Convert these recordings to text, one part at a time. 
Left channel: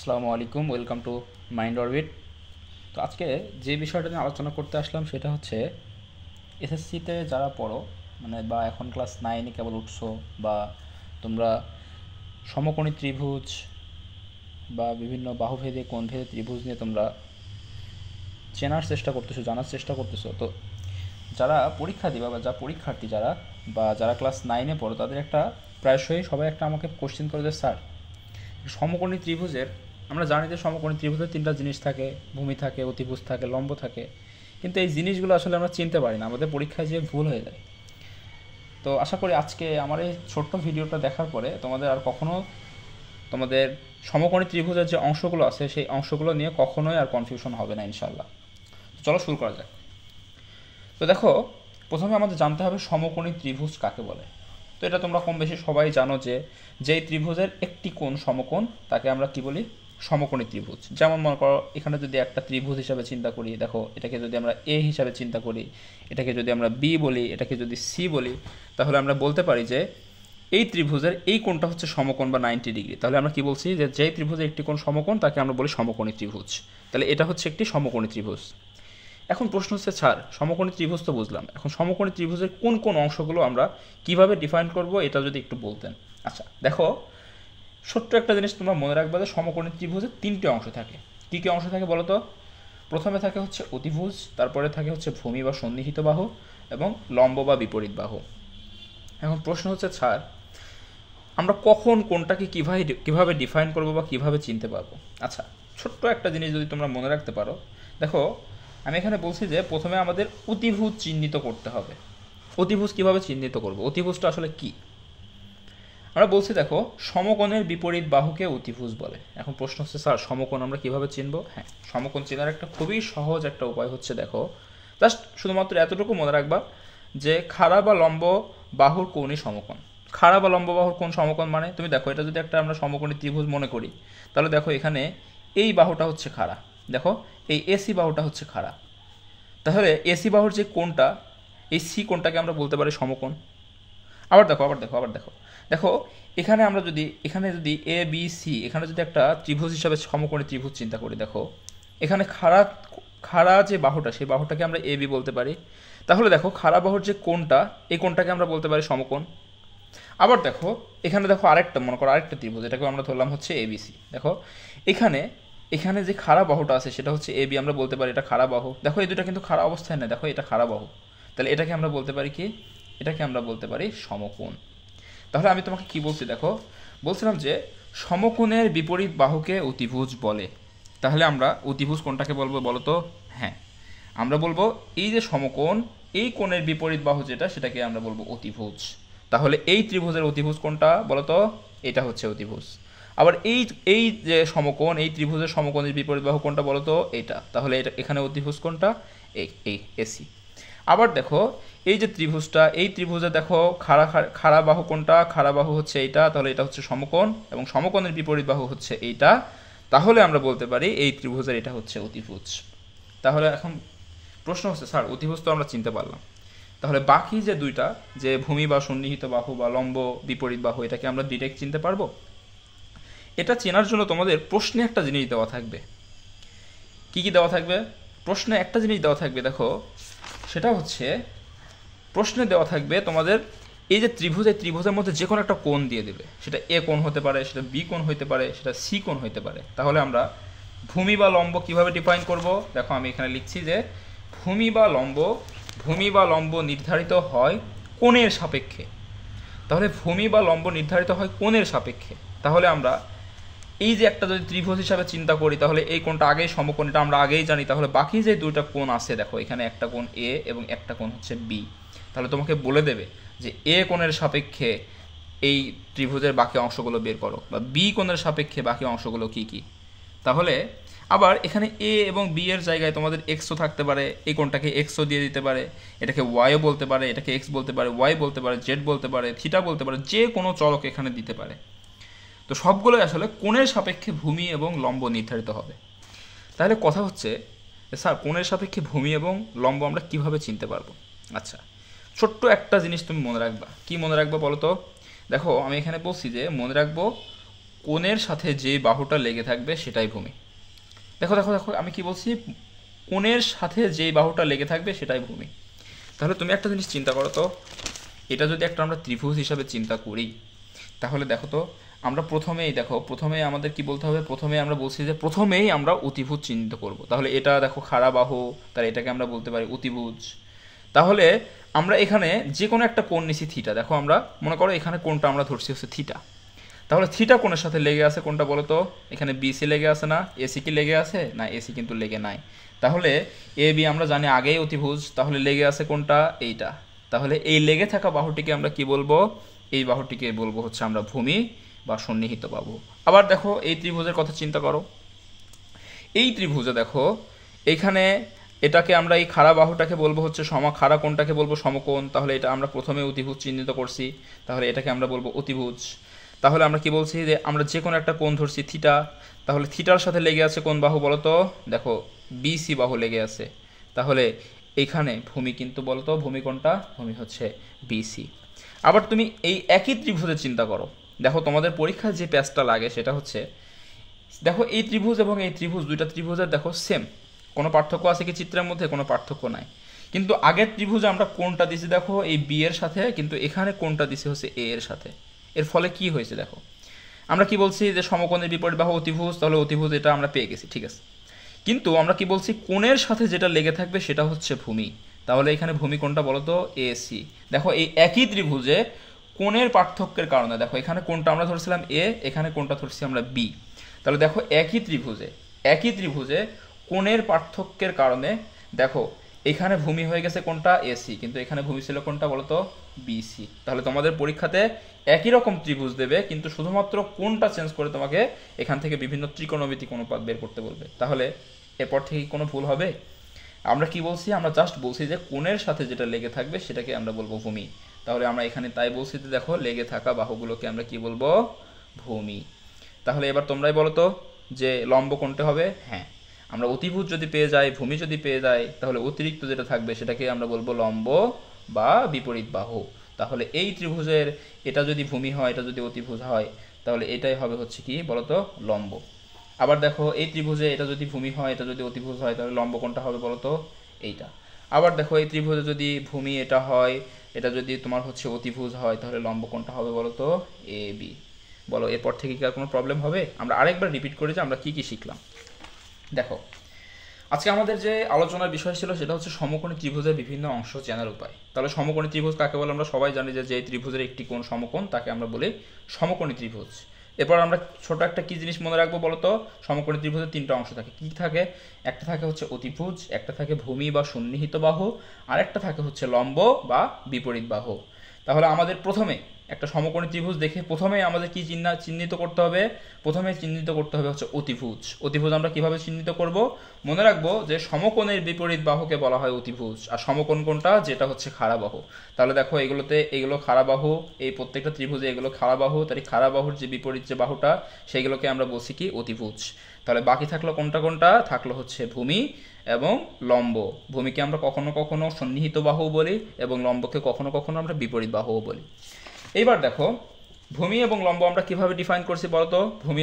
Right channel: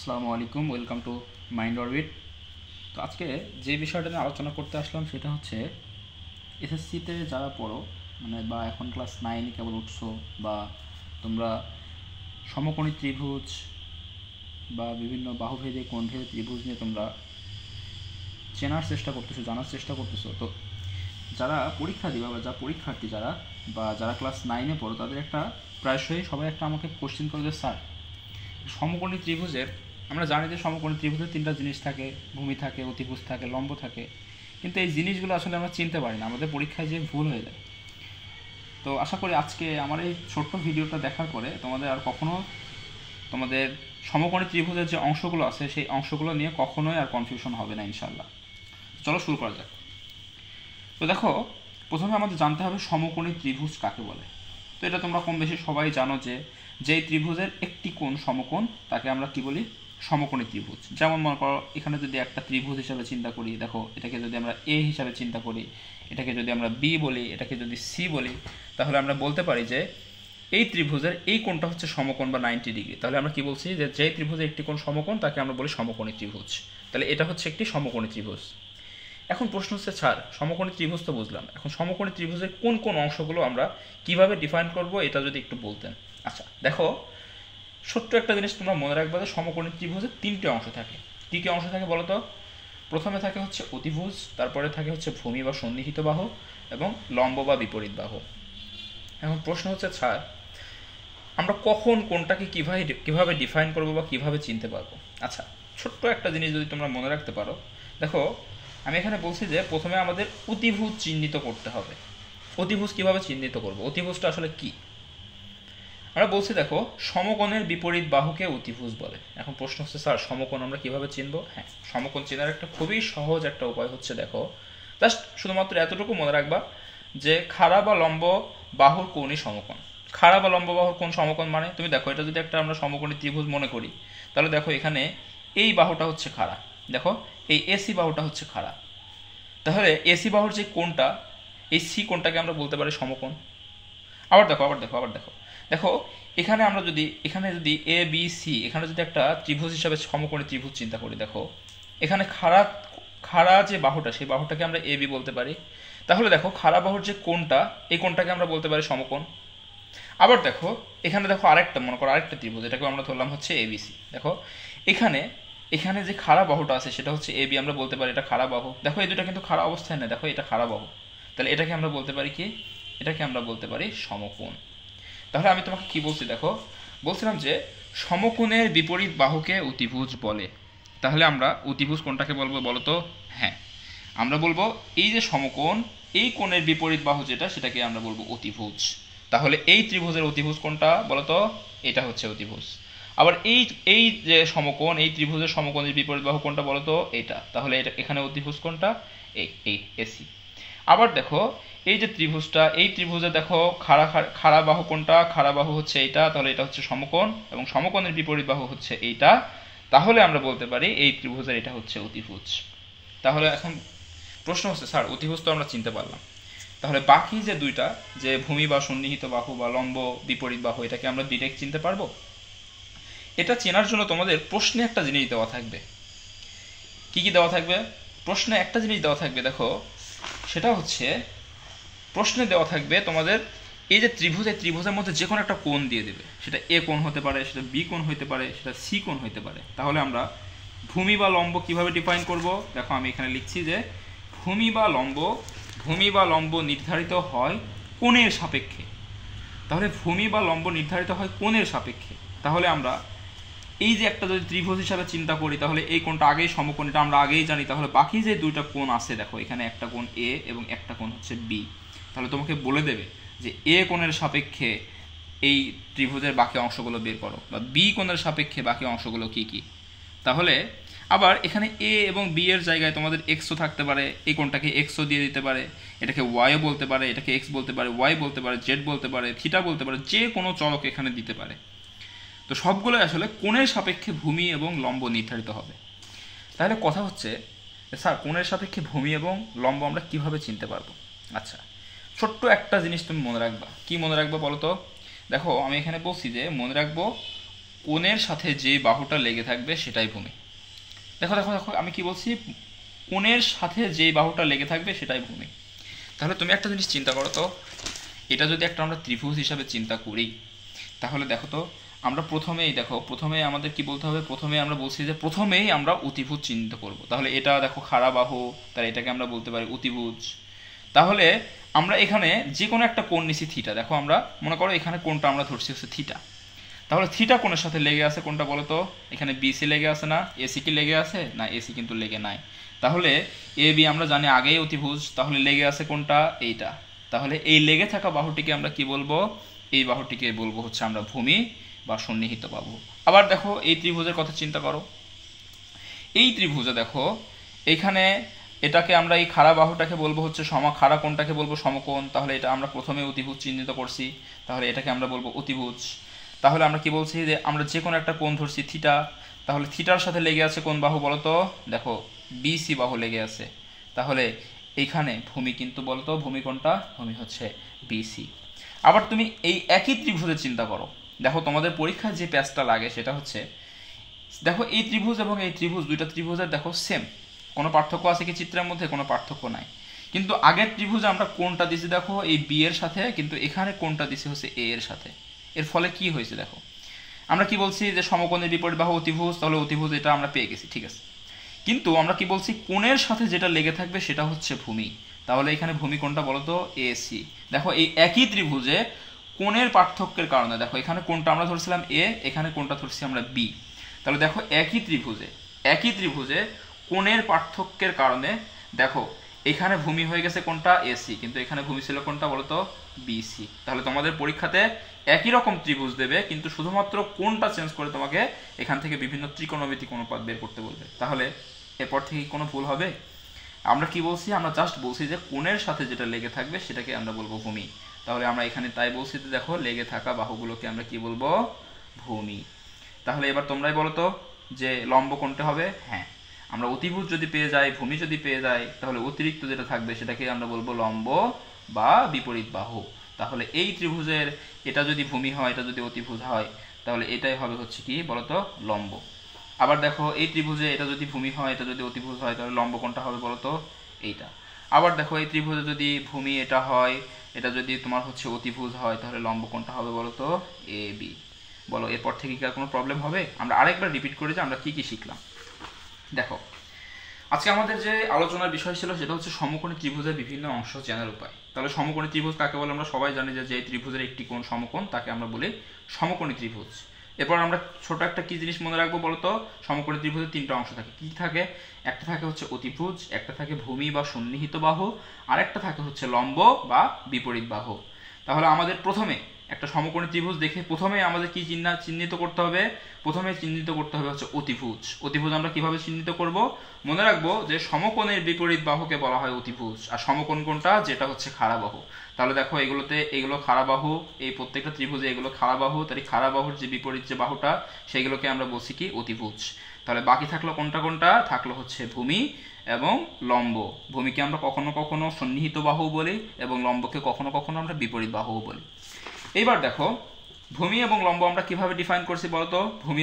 আসসালামু আলাইকুম, welcome to mind orbit. তো আজকে যে বিষয়টা নিয়ে আলোচনা করতে আসলাম সেটা হচ্ছে এসএসসিতে যারা পড়ো, মানে বা এখন ক্লাস 9-এ কেবল উঠছো, বা তোমরা সমকোণী ত্রিভুজ বা বিভিন্ন বাহুভেদে কোণভেদে ত্রিভুজ নিয়ে তোমরা চেনার চেষ্টা করতেছো, জানার চেষ্টা করতেছো। তো যারা পরীক্ষা দিবা বা যা পরীক্ষার্থী যারা বা যারা ক্লাস 9-এ পড়ো, তাদের একটা প্রায়শই সবাই একটা আমাকে কোশ্চেন করে যে স্যার, সমকোণী ত্রিভুজের আমরা জানি যে সমকোণী ত্রিভুজের তিনটা জিনিস থাকে, ভূমি থাকে, অতিভুজ থাকে, লম্ব থাকে, কিন্তু এই জিনিসগুলো আসলে আমরা চিনতে পারি না, আমাদের পরীক্ষায় যে ভুল হয়ে যায়। তো আশা করি আজকে আমার এই ছোট্ট ভিডিওটা দেখার পরে তোমাদের আর কখনো তোমাদের সমকোণী ত্রিভুজের যে অংশগুলো আছে সেই অংশগুলো নিয়ে কখনোই আর কনফিউশন হবে না ইনশাল্লাহ। চলো শুরু করা যাক। তো দেখো, প্রথমে আমাদের জানতে হবে সমকোণী ত্রিভুজ কাকে বলে। তো এটা তোমরা কম বেশি সবাই জানো যে যেই ত্রিভুজের একটি কোণ সমকোণ তাকে আমরা কি বলি, সমকোণী ত্রিভুজ। যেমন মনে করো এখানে যদি একটা ত্রিভুজ হিসাবে চিন্তা করি, দেখো এটাকে যদি আমরা এ হিসাবে চিন্তা করি, এটাকে যদি আমরা বি বলি, এটাকে যদি সি বলি, তাহলে আমরা বলতে পারি যে এই ত্রিভুজের এই কোণটা হচ্ছে সমকোণ বা 90 ডিগ্রি। তাহলে আমরা কি বলছি যে যেই ত্রিভুজের একটি কোণ সমকোণ তাকে আমরা বলি সমকোণী ত্রিভুজ। তাহলে এটা হচ্ছে একটি সমকোণী ত্রিভুজ। এখন প্রশ্ন হচ্ছে স্যার, সমকোণী ত্রিভুজ তো বুঝলাম, এখন সমকোণী ত্রিভুজের কোন কোন অংশগুলো আমরা কিভাবে ডিফাইন করব এটা যদি একটু বলতেন। আচ্ছা দেখো, ছোট্ট একটা জিনিস তোমরা মনে রাখবে যে সমকোণী ত্রিভুজের তিনটে অংশ থাকে। কী কী অংশ থাকে বলো তো? প্রথমে থাকে হচ্ছে অতিভুজ, তারপরে থাকে হচ্ছে ভূমি বা সন্নিহিত বাহু, এবং লম্ব বা বিপরীত বাহু। এখন প্রশ্ন হচ্ছে স্যার, আমরা কখন কোনটাকে কিভাবে ডিফাইন করবো বা কিভাবে চিনতে পারবো? আচ্ছা, ছোট্ট একটা জিনিস যদি তোমরা মনে রাখতে পারো, দেখো আমি এখানে বলছি যে প্রথমে আমাদের অতিভুজ চিহ্নিত করতে হবে। অতিভুজ কিভাবে চিহ্নিত করব? অতিভুজটা আসলে কি? আমরা বলছি দেখো, সমকোণের বিপরীত বাহুকে অতিভুজ বলে। এখন প্রশ্ন হচ্ছে স্যার, সমকোণ আমরা কিভাবে চিনব? হ্যাঁ, সমকোণ চেনার একটা খুবই সহজ একটা উপায় হচ্ছে, দেখো জাস্ট শুধুমাত্র এতটুকু মনে রাখবা যে খাড়া বা লম্ব বাহুর কোণই সমকোণ। খাড়া বা লম্ব বাহুর কোণ সমকোণ মানে, তুমি দেখো এটা যদি একটা আমরা সমকোণী ত্রিভুজ মনে করি, তাহলে দেখো এখানে এই বাহুটা হচ্ছে খাড়া, দেখো এই এসি বাহুটা হচ্ছে খাড়া, তাহলে এসি বাহুর যে কোণটা, এই সি কোণটাকে আমরা বলতে পারি সমকোণ। আবার দেখো দেখো, এখানে আমরা যদি এ বি সি এখানে যদি একটা ত্রিভুজ হিসাবে সমকোণী ত্রিভুজ চিন্তা করি, দেখো এখানে খাড়া খাড়া যে বাহুটা সেই বাহুটাকে আমরা এ বি বলতে পারি। তাহলে দেখো খাড়া বাহুর যে কোণটা, এই কোণটাকে আমরা বলতে পারি সমকোণ। আবার দেখো এখানে দেখো আরেকটা, মনে করো আরেকটা ত্রিভুজ, এটাকে আমরা ধরলাম হচ্ছে এবিসি। দেখো এখানে এখানে যে খাড়া বাহুটা আছে সেটা হচ্ছে এবি, আমরা বলতে পারি এটা খাড়া বাহু। দেখো এই দুটা কিন্তু খাড়া অবস্থায় নেই, দেখো এটা খাড়া বাহু। তাহলে এটাকে আমরা বলতে পারি কি? এটাকে আমরা বলতে পারি সমকোণ। তাহলে আমি তোমাকে কি বলছি দেখো, বলছিলাম যে সমকোণের বিপরীত বাহুকে অতিভুজ বলে। তাহলে আমরা অতিভুজ কোনটাকে বলবো বলো তো? হ্যাঁ, আমরা বলবো এই যে সমকোণ, এই কোণের বিপরীত বাহু যেটা, সেটাকে আমরা বলবো অতিভুজ। তাহলে এই ত্রিভুজের অতিভুজ কোনটা বলো তো? এটা হচ্ছে অতিভুজ। আবার এই এই যে সমকোণ, এই ত্রিভুজের সমকোণের বিপরীত বাহু কোনটা বলো তো? এটা। তাহলে এটা এখানে অতিভুজ কোনটা? এই এই এসি। আবার দেখো এই যে ত্রিভুজটা, এই ত্রিভুজে দেখো খাড়া খাড়া বাহু কোনটা? খাড়া বাহু হচ্ছে এইটা, তাহলে এটা হচ্ছে সমকোণ, এবং সমকোণের বিপরীত বাহু হচ্ছে এইটা। তাহলে আমরা বলতে পারি এই ত্রিভুজের এটা হচ্ছে অতিভুজ। তাহলে এখন প্রশ্ন হচ্ছে স্যার, অতিভুজ তো আমরা চিনতে পারলাম, তাহলে বাকি যে দুইটা, যে ভূমি বা সন্নিহিত বাহু বা লম্ব বিপরীত বাহু, এটাকে আমরা ডিরেক্ট চিনতে পারবো? এটা চেনার জন্য তোমাদের প্রশ্নে একটা জিনিস দেওয়া থাকবে। কি কি দেওয়া থাকবে? প্রশ্নে একটা জিনিস দেওয়া থাকবে, দেখো সেটা হচ্ছে প্রশ্নে দেওয়া থাকবে তোমাদের এই যে ত্রিভুজ, এই ত্রিভুজের মধ্যে যে কোনো একটা কোণ দিয়ে দেবে, সেটা এ কোণ হতে পারে, সেটা বি কোণ হতে পারে, সেটা সি কোণ হতে পারে। তাহলে আমরা ভূমি বা লম্ব কিভাবে ডিফাইন করব? দেখো আমি এখানে লিখছি যে ভূমি বা লম্ব নির্ধারিত হয় কোণের সাপেক্ষে। তাহলে ভূমি বা লম্ব নির্ধারিত হয় কোণের সাপেক্ষে। তাহলে আমরা এই যে একটা যদি ত্রিভুজ হিসাবে চিন্তা করি, তাহলে এই কোণটা আগেই সমকোণ, এটা আমরা আগেই জানি। তাহলে বাকি যে দুইটা কোণ আছে, দেখো এখানে একটা কোণ এ এবং একটা কোণ হচ্ছে বি। তাহলে তোমাকে বলে দেবে যে এ কোণের সাপেক্ষে এই ত্রিভুজের বাকি অংশগুলো বের করো, বা বি কোণের সাপেক্ষে বাকি অংশগুলো কি কি। তাহলে আবার এখানে এ এবং বি এর জায়গায় তোমাদের এক্সও থাকতে পারে, এই কোণটাকে এক্সও দিয়ে দিতে পারে, এটাকে ওয়াইও বলতে পারে, এটাকে এক্স বলতে পারে, ওয়াই বলতে পারে, জেড বলতে পারে, থিটা বলতে পারে, যে কোনো চলক এখানে দিতে পারে। তো সবগুলোই আসলে কোণের সাপেক্ষে ভূমি এবং লম্ব নির্ধারিত হবে। তাহলে কথা হচ্ছে স্যার, কোণের সাপেক্ষে ভূমি এবং লম্ব আমরা কিভাবে চিনতে পারবো? আচ্ছা, ছোট্ট একটা জিনিস তুমি মনে রাখবা। কি মনে রাখবো বলো তো? দেখো আমি এখানে বলছি যে মনে রাখবো কোণের সাথে যে বাহুটা লেগে থাকবে সেটাই ভূমি। দেখো দেখো দেখো আমি কি বলছি, কোণের সাথে যে বাহুটা লেগে থাকবে সেটাই ভূমি। তাহলে তুমি একটা জিনিস চিন্তা করো তো, এটা যদি একটা আমরা ত্রিভুজ হিসাবে চিন্তা করি, তাহলে দেখো তো আমরা প্রথমেই আমাদের কি বলতে হবে, প্রথমে আমরা বলছি যে প্রথমেই আমরা অতিভুজ চিহ্নিত করব। তাহলে এটা দেখো খাড়া বাহু, তাহলে এটাকে আমরা বলতে পারি অতিভুজ। তাহলে আমরা এখানে যে কোনো একটা কোণ নিছি থিটা, দেখো আমরা মনে করো এখানে কোণটা আমরা ধরছি হচ্ছে থিটা। তাহলে থিটা কোণের সাথে লেগে আছে কোনটা বলো তো, এখানে বিসি লেগে আছে না, এসি কি লেগে আছে না, এসি কিন্তু লেগে নাই। তাহলে এ বি আমরা জানি আগেই অতিভুজ, তাহলে লেগে আছে কোনটা, এইটা। তাহলে এই লেগে থাকা বাহুটিকে আমরা কি বলবো, এই বাহুটিকে বলবো হচ্ছে আমরা ভূমি বা সন্নিহিত বাহু। আবার দেখো এই ত্রিভুজের কথা চিন্তা করো, এই ত্রিভুজে দেখো এইখানে এটাকে আমরা এই খাড়া বাহুটাকে বলবো হচ্ছে খাড়া কোণটাকে বলবো সমকোণ। তাহলে এটা আমরা প্রথমে অতিভুজ চিহ্নিত করছি, তাহলে এটাকে আমরা বলবো অতিভুজ। তাহলে আমরা কি বলছি যে আমরা যে কোনো একটা কোণ ধরছি থিটা, তাহলে থিটার সাথে লেগে আছে কোন বাহু বলতো, দেখো বিসি বাহু লেগে আছে। তাহলে এইখানে ভূমি কিন্তু বলতো, ভূমি কোনটা, ভূমি হচ্ছে বিসি। আবার তুমি এই একই ত্রিভুজের চিন্তা করো, দেখো তোমাদের পরীক্ষায় যে প্যাচটা লাগে সেটা হচ্ছে, দেখো এই ত্রিভুজ এবং এই ত্রিভুজ, দুইটা ত্রিভুজের দেখো সেম, কোনো পার্থক্য আছে কি চিত্রের মধ্যে, কোনো পার্থক্য নাই। কিন্তু আগের ত্রিভুজে আমরা কোনটা দিছি দেখো এই বি এর সাথে, কিন্তু এখানে কোনটা দিছি হচ্ছে এ এর সাথে। এর ফলে কি হয়েছে দেখো, আমরা কি বলছি যে সমকোণের বিপরীত বাহু অতিভুজ, তাহলে অতিভুজ এটা আমরা পেয়ে গেছি, ঠিক আছে। কিন্তু আমরা কি বলছি, কোণের সাথে যেটা লেগে থাকবে সেটা হচ্ছে ভূমি। তাহলে এখানে ভূমি কোনটা বলতো, এসি। দেখো এই একই ত্রিভুজে কোণের পার্থক্যের কারণে দেখো এখানে কোনটা আমরা ধরছিলাম এ, এখানে কোনটা ধরছি আমরা বি। তাহলে দেখো একই ত্রিভুজে কোণের পার্থক্যের কারণে দেখো এখানে ভূমি হয়ে গেছে কোনটা, এসি, কিন্তু এখানে ভূমি ছিল কোনটা বলতো, বিসি। তাহলে তোমাদের পরীক্ষাতে একই রকম ত্রিভুজ দেবে, কিন্তু শুধুমাত্র কোনটা চেঞ্জ করে তোমাকে এখান থেকে বিভিন্ন ত্রিকোণমিতিক অনুপাত বের করতে বলবে। তাহলে এরপর থেকে কোনো ভুল হবে? আমরা কি বলছি, আমরা জাস্ট বলছি যে কোণের সাথে যেটা লেগে থাকবে সেটাকে আমরা বলবো ভূমি। তাহলে আমরা এখানে তাই বলছি যে দেখো লেগে থাকা বাহুগুলোকে আমরা কি বলবো, ভূমি। তাহলে এবার তোমরাই বলো তো যে লম্ব কোনটা হবে। হ্যাঁ, আমরা অতিভুজ যদি পেয়ে যাই, ভূমি যদি পেয়ে যাই, তাহলে অতিরিক্ত যেটা থাকবে সেটাকে আমরা বলবো লম্ব বা বিপরীত বাহু। তাহলে এই ত্রিভুজের এটা যদি ভূমি হয়, এটা যদি অতিভুজ হয়, তাহলে এটাই হবে হচ্ছে কি বলতো, লম্ব। আবার দেখো এই ত্রিভুজে এটা যদি ভূমি হয়, এটা যদি অতিভুজ হয়, তাহলে লম্ব কোনটা হবে বলতো, এইটা। আবার দেখো এই ত্রিভুজে যদি ভূমি এটা হয়, এটা যদি তোমার হচ্ছে অতিভুজ হয়, তাহলে লম্ব কোনটা হবে বলতো, এ বি। বলো এরপর থেকে কি আর কোনো প্রবলেম হবে? আমরা আরেকবার রিপিট করি যে আমরা কি কি শিখলাম। দেখো আজকে আমাদের যে আলোচনার বিষয় ছিল সেটা হচ্ছে সমকোণী ত্রিভুজের বিভিন্ন অংশ চেনার উপায়। তাহলে সমকোণী ত্রিভুজ কাকে বলে আমরা সবাই জানি, যে এই ত্রিভুজের একটি কোণ সমকোণ তাকে আমরা বলি সমকোণী ত্রিভুজ। এরপর আমরা ছোট একটা কি জিনিস মনে রাখবো বলতো, সমকোণী ত্রিভুজের তিনটা অংশ থাকে। কি থাকে? একটা থাকে হচ্ছে অতিভুজ, একটা থাকে ভূমি বা সন্নিহিত বাহু, আর একটা থাকে হচ্ছে লম্ব বা বিপরীত বাহু। তাহলে আমাদের প্রথমে একটা সমকোণী ত্রিভুজ দেখে প্রথমে আমাদের কি চিহ্নিত করতে হবে, প্রথমে চিহ্নিত করতে হবে হচ্ছে অতিভুজ। অতিভুজ আমরা কিভাবে চিহ্নিত করব, মনে রাখবো যে সমকোণের বিপরীত বাহুকে বলা হয় অতিভুজ, আর সমকোণ কোনটা, যেটা হচ্ছে খাড়া বাহু। তাহলে দেখো এইগুলো খাড়া বাহু, এই প্রত্যেকটা ত্রিভুজে এগুলো খাড়া বাহু, তাই খাড়া বাহুর যে বিপরীত যে বাহুটা সেগুলোকে আমরা বলছি কি অতিভুজ। তাহলে বাকি থাকলো কোনটা কোনটা, থাকলো হচ্ছে ভূমি এবং লম্ব। ভূমিকে আমরা কখনো কখনো সন্নিহিত বাহু বলি এবং লম্বকে কখনো কখনো আমরা বিপরীত বাহুও বলি। এইবার দেখো ভূমি এবং লম্ব আমরা কিভাবে ডিফাইন করছি বলতো, ভূমি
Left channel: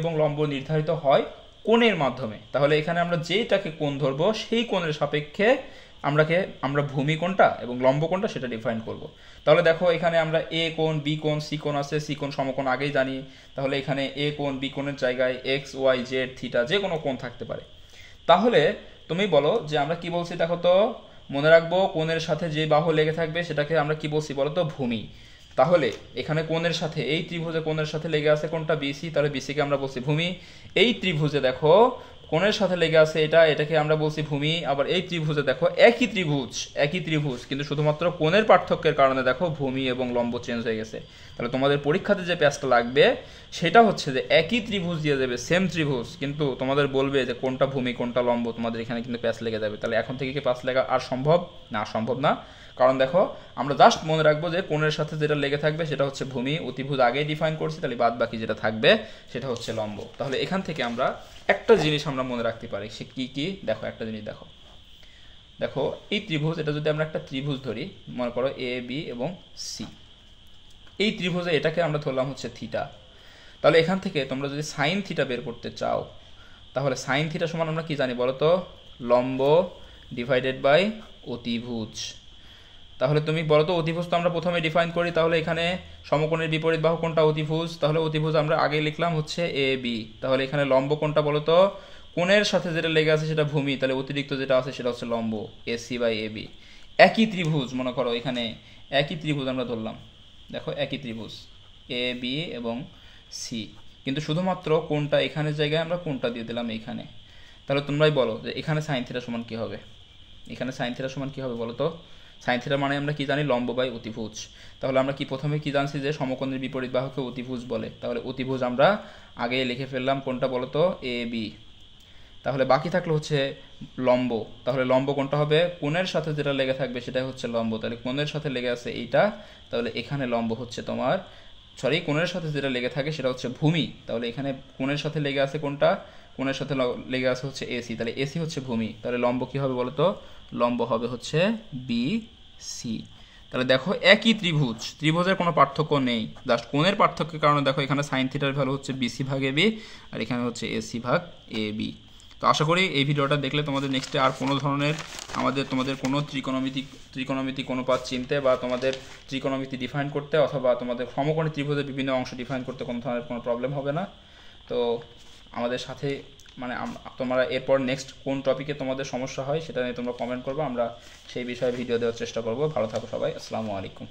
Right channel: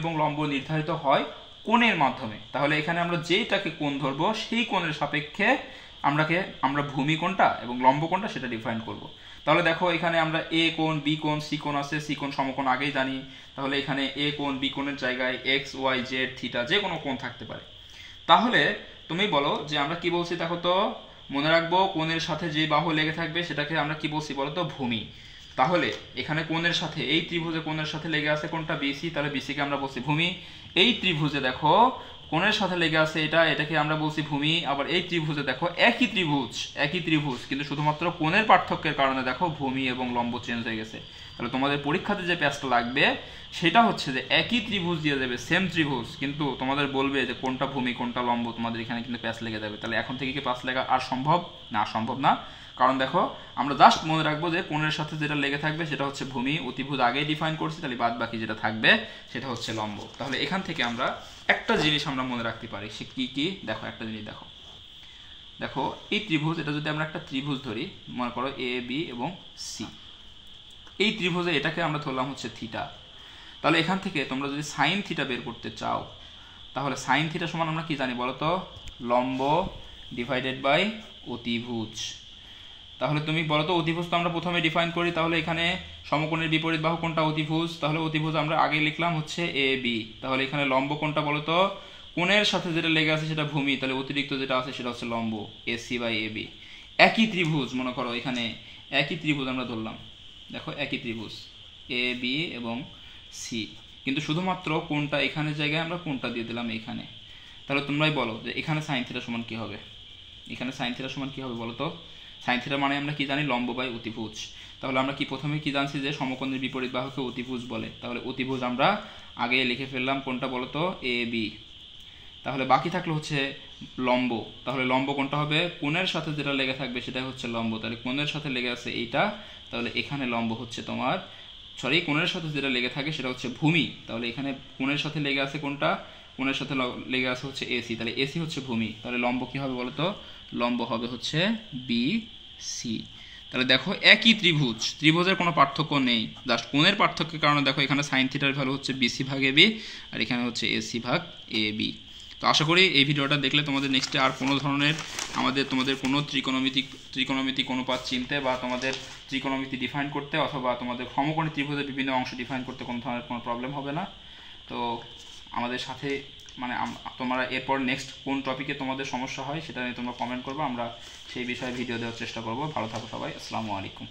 এবং লম্ব নির্ধারিত হয় কোণের মাধ্যমে। তাহলে এখানে আমরা যেটাকে কোণ ধরবো সেই কোণের সাপেক্ষে আমরা ভূমি কোণটা এবং লম্ব কোণটা সেটা ডিফাইন করব। তাহলে দেখো এখানে আমরা এ কোণ, বি কোণ, সি কোণ আছে, সি কোণ সমকোণ আগেই জানি। তাহলে এখানে এ কোণ, বি কোণের জায়গায় এক্স, ওয়াই, জেড, থিটা যে কোনো কোণ থাকতে পারে। তাহলে তুমি বলো যে আমরা কি বলছি, দেখো তো মনে রাখবো কোণের সাথে যে বাহু লেগে থাকবে সেটাকে আমরা কি বলছি বলো তো, ভূমি। তাহলে এখানে কোণের সাথে, এই ত্রিভুজে কোণের সাথে লেগে আছে কোনটা, বিসি, তাহলে বিসিকে আমরা বলছি ভূমি। এই ত্রিভুজে দেখো কোণের সাথে লেগে আছে এটাকে আমরা বলছি ভূমি। আবার এই ত্রিভুজে দেখো একই ত্রিভুজ কিন্তু শুধুমাত্র কোণের পার্থক্যের কারণে দেখো ভূমি এবং লম্ব চেঞ্জ হয়ে গেছে। তাহলে তোমাদের পরীক্ষাতে যে প্যাচটা লাগবে সেটা হচ্ছে যে একই ত্রিভুজ দিয়ে দেবে, সেম ত্রিভুজ, কিন্তু তোমাদের বলবে যে কোনটা ভূমি কোনটা লম্ব, তোমাদের এখানে কিন্তু প্যাচ লেগে যাবে। তাহলে এখন থেকে কি প্যাচ লেগা আর সম্ভব না? সম্ভব না। কারণ দেখো আমরা জাস্ট মনে রাখবো যে কোণের সাথে যেটা লেগে থাকবে সেটা হচ্ছে ভূমি, অতিভুজ আগেই ডিফাইন করছি, তাহলে বাদ বাকি যেটা থাকবে সেটা হচ্ছে লম্ব। তাহলে এখান থেকে আমরা একটা জিনিস আমরা মনে রাখতে পারি, সে কি কি দেখো, একটা জিনিস দেখো। দেখো এই ত্রিভুজ, এটা যদি আমরা একটা ত্রিভুজ ধরি, মনে করো এ বি এবং সি, এই ত্রিভুজে এটাকে আমরা ধরলাম হচ্ছে থিটা। তাহলে এখান থেকে তোমরা যদি সাইন থিটা বের করতে চাও, তাহলে সাইন থিটা সমান আমরা কি জানি বলো তো? লম্ব ডিভাইডেড বাই অতিভুজ। তাহলে তুমি বলো তো, অতিভুজ তো আমরা প্রথমে ডিফাইন করি, তাহলে এখানে সমকোণের বিপরীত বাহু কোনটা? অতিভুজ। তাহলে অতিভুজ আমরা আগে লিখলাম হচ্ছে এ বি। তাহলে এখানে লম্ব কোনটা বলো তো? কোণের সাথে যেটা লেগে আছে সেটা ভূমি, তাহলে অতিরিক্ত যেটা আছে সেটা হচ্ছে লম্ব, এসি বাই এ বি। একই ত্রিভুজ, মনে করো এখানে একই ত্রিভুজ আমরা ধরলাম, দেখো একই ত্রিভুজ এ বি এবং সি, কিন্তু শুধুমাত্র কোনটা এখানের জায়গায় আমরা কোনটা দিয়ে দিলাম এইখানে। তাহলে তোমরাই বলো যে এখানে সাইন থিটা সমান কী হবে? এখানে সাইন থিটা সমান কী হবে বলো তো? সাইন থিটা মানে আমরা কি জানি? লম্ব বাই অতিভুজ। তাহলে আমরা কি প্রথমে কি জানছি যে সমকোণের বিপরীত বাহুকে অতিভুজ বলে। তাহলে অতিভুজ আমরা আগে লিখে ফেললাম কোনটা বলো তো? A B. তাহলে বাকি থাকলো হচ্ছে লম্ব। তাহলে লম্ব কোনটা হবে? কোণের সাথে যেটা লেগে থাকবে সেটাই হচ্ছে লম্ব। তাহলে কোণের সাথে লেগে আছে এইটা, তাহলে এখানে লম্ব হচ্ছে তোমার, সরি, কোণের সাথে যেটা লেগে থাকে সেটা হচ্ছে ভূমি। তাহলে এখানে কোণের সাথে লেগে আছে কোনটা? কোণের সাথে লেগে আছে হচ্ছে এসি, তাহলে এসি হচ্ছে ভূমি। তাহলে লম্ব কি হবে বলো তো? লম্ব হবে হচ্ছে বি সি। তাহলে দেখো একই ত্রিভুজ, ত্রিভুজের কোনো পার্থক্য নেই, জাস্ট কোণের পার্থক্যের কারণে দেখো এখানে সাইন থিটার ভ্যালু হচ্ছে বিসি ভাগ এ বি, আর এখানে হচ্ছে এসি ভাগ এ বি। তো আশা করি এই ভিডিওটা দেখলে তোমাদের নেক্সটে আর কোনো ধরনের তোমাদের কোনো ত্রিকোণমিতিক অনুপাত চিনতে বা তোমাদের ত্রিকোণমিতি ডিফাইন করতে অথবা তোমাদের সমকোণী ত্রিভুজের বিভিন্ন অংশ ডিফাইন করতে কোনো ধরনের কোনো প্রবলেম হবে না। তো আমাদের সাথে মানে তোমরা এরপর নেক্সট কোন টপিকে তোমাদের সমস্যা হয় সেটা নিয়ে তোমরা কমেন্ট করবে, আমরা সেই বিষয়ে ভিডিও দেওয়ার চেষ্টা করব। ভালো থাকো সবাই, আসসালামু আলাইকুম।